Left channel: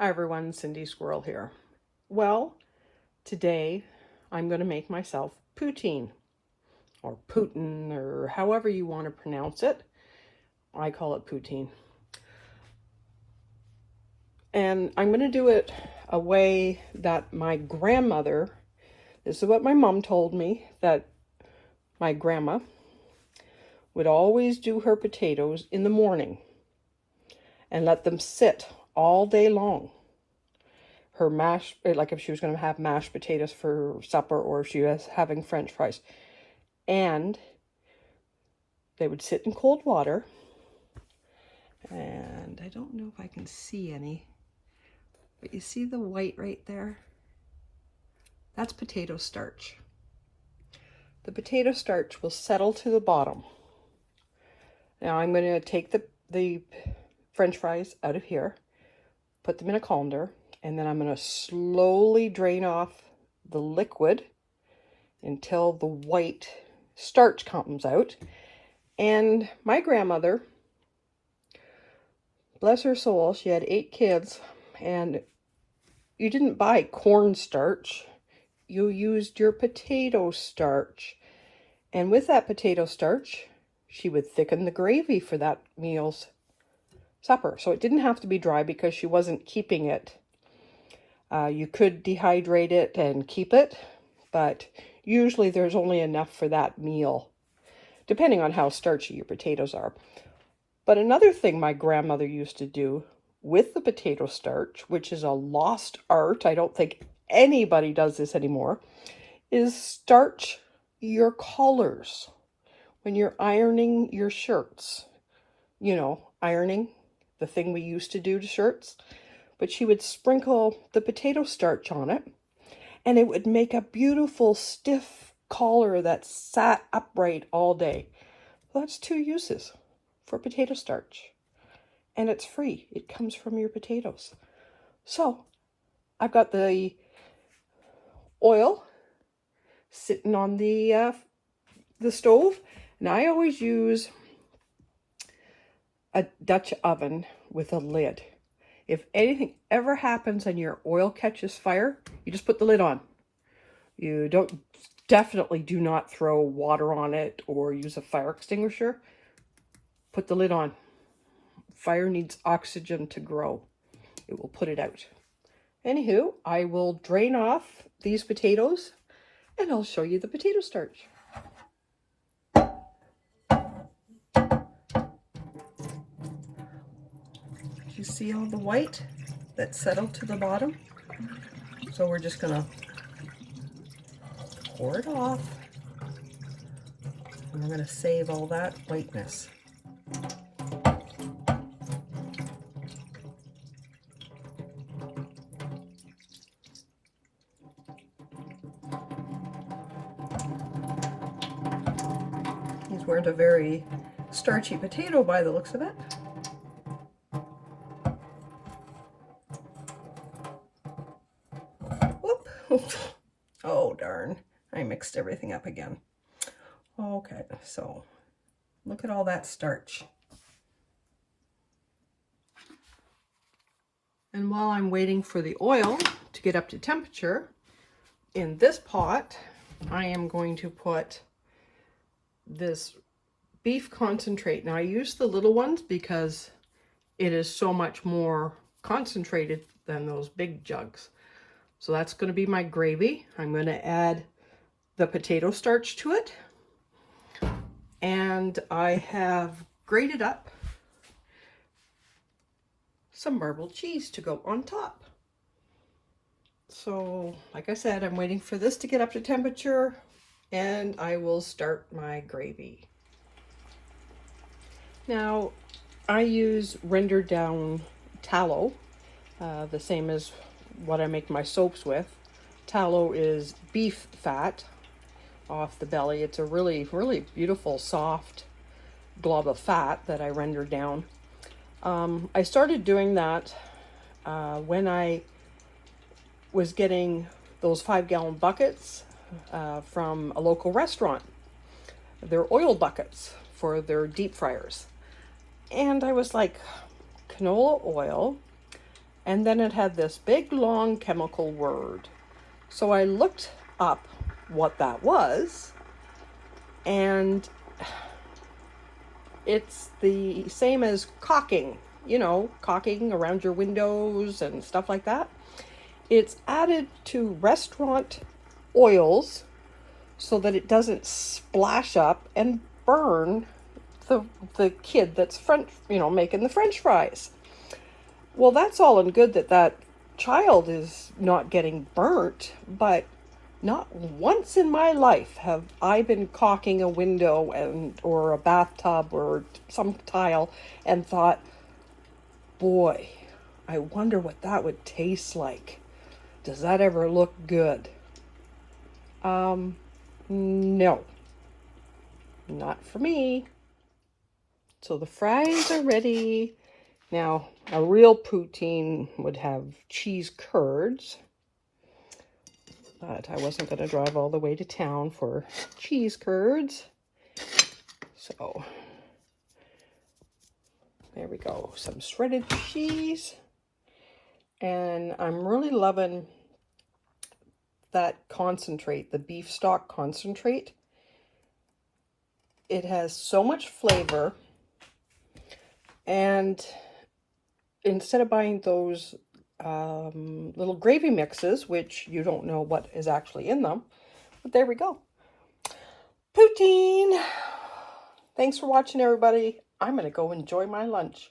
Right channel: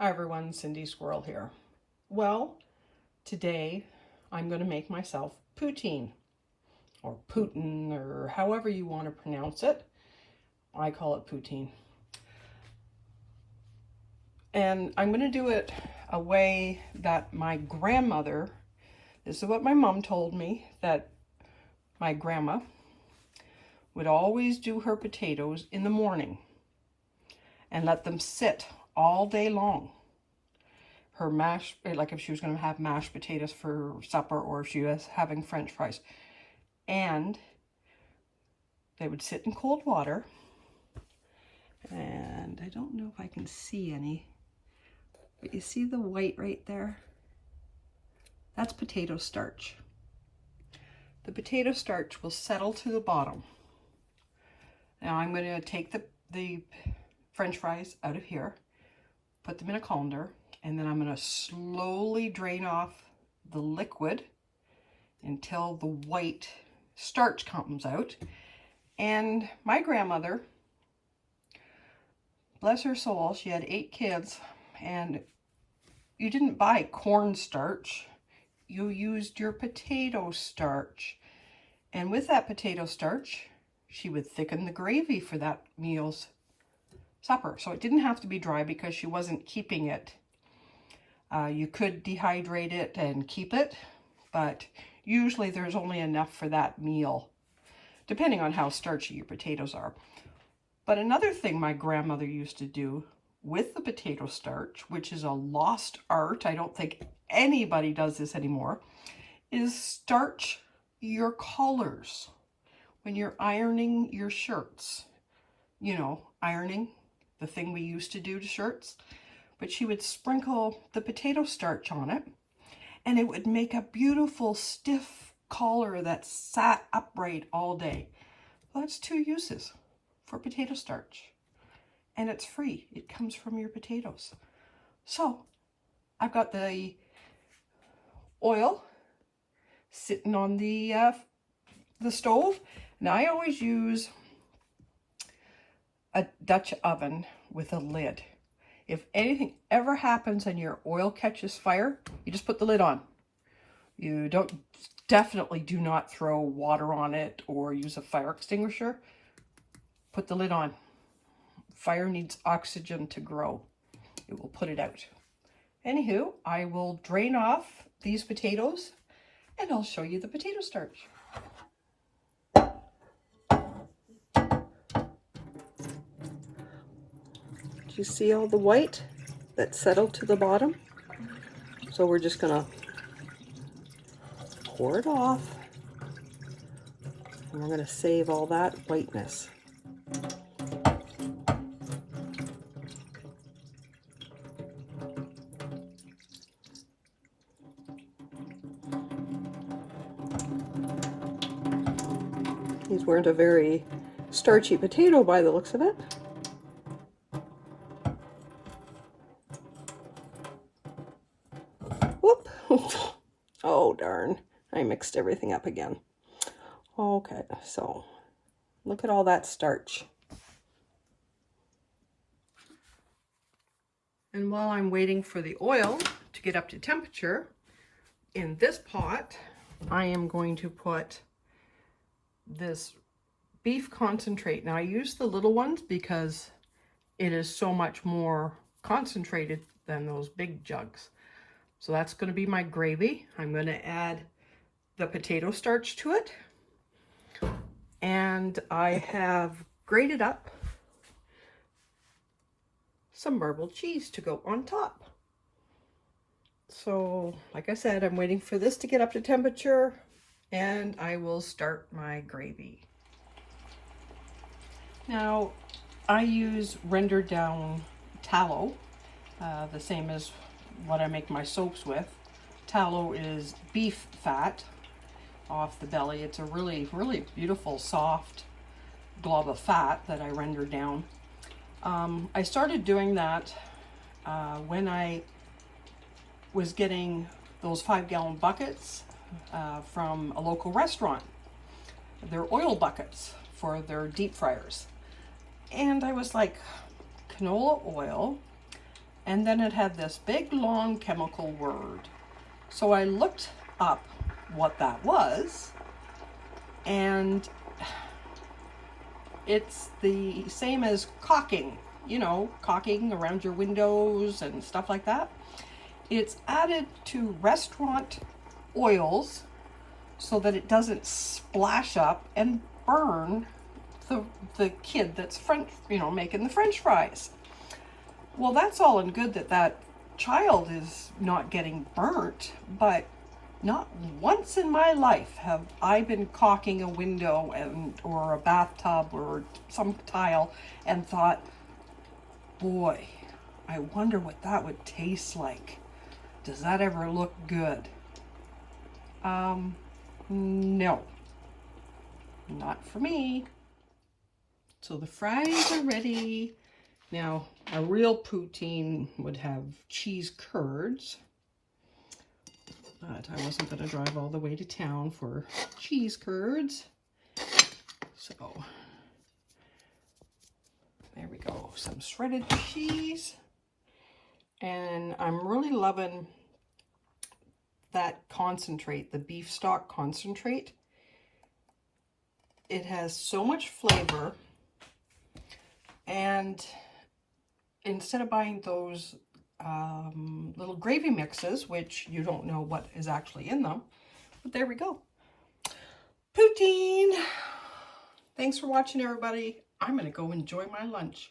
Hi everyone, Cindy Squirrel here. Well, today I'm going to make myself poutine, or Putin, or however you want to pronounce it. I call it poutine. And I'm going to do it a way that my grandmother, this is what my mom told me, that my grandma would always do her potatoes in the morning and let them sit all day long. Her like if she was going to have mashed potatoes for supper or if she was having French fries. And they would sit in cold water. And I don't know if I can see any, but you see the white right there? That's potato starch. The potato starch will settle to the bottom. Now I'm going to take the French fries out of here, put them in a colander, and then I'm going to slowly drain off the liquid until the white starch comes out. And my grandmother, bless her soul, she had 8 kids, and you didn't buy cornstarch, you used your potato starch. And with that potato starch, she would thicken the gravy for that meal's supper. So it didn't have to be dry because she wasn't keeping it. You could dehydrate it and keep it, but usually there's only enough for that meal, depending on how starchy your potatoes are. But another thing my grandmother used to do with the potato starch, which is a lost art, I don't think anybody does this anymore, is starch your collars when you're ironing your shirts. You know, ironing, the thing we used to do to shirts. But she would sprinkle the potato starch on it, and it would make a beautiful stiff collar that sat upright all day. Well, that's 2 uses for potato starch, and it's free. It comes from your potatoes. So I've got the oil sitting on the stove, and I always use a Dutch oven with a lid. If anything ever happens and your oil catches fire, you just put the lid on. You definitely do not throw water on it or use a fire extinguisher. Put the lid on. Fire needs oxygen to grow. It will put it out. Anywho, I will drain off these potatoes and I'll show you the potato starch. You see all the white that settled to the bottom? So we're just gonna pour it off, and we're gonna save all that whiteness. These weren't a very starchy potato by the looks of it. Whoop! Oh darn, I mixed everything up again. Okay, so look at all that starch. And while I'm waiting for the oil to get up to temperature, in this pot, I am going to put this beef concentrate. Now I use the little ones because it is so much more concentrated than those big jugs. So that's going to be my gravy. I'm going to add the potato starch to it. And I have grated up some marbled cheese to go on top. So, like I said, I'm waiting for this to get up to temperature and I will start my gravy. Now, I use rendered down tallow, the same as what I make my soaps with. Tallow is beef fat off the belly. It's a really, really beautiful, soft glob of fat that I render down. I started doing that when I was getting those 5-gallon buckets from a local restaurant. They're oil buckets for their deep fryers. And I was like, canola oil And then it had this big long chemical word. So I looked up what that was, and it's the same as caulking, you know, caulking around your windows and stuff like that. It's added to restaurant oils so that it doesn't splash up and burn the kid that's making the French fries. Well, that's all and good that that child is not getting burnt, but not once in my life have I been caulking a window or a bathtub or some tile and thought, boy, I wonder what that would taste like. Does that ever look good? No, not for me. So the fries are ready. Now, a real poutine would have cheese curds, but I wasn't going to drive all the way to town for cheese curds. So, there we go. Some shredded cheese. And I'm really loving that concentrate, the beef stock concentrate. It has so much flavor. And instead of buying those little gravy mixes, which you don't know what is actually in them, but there we go. Poutine! Thanks for watching, everybody. I'm going to go enjoy my lunch.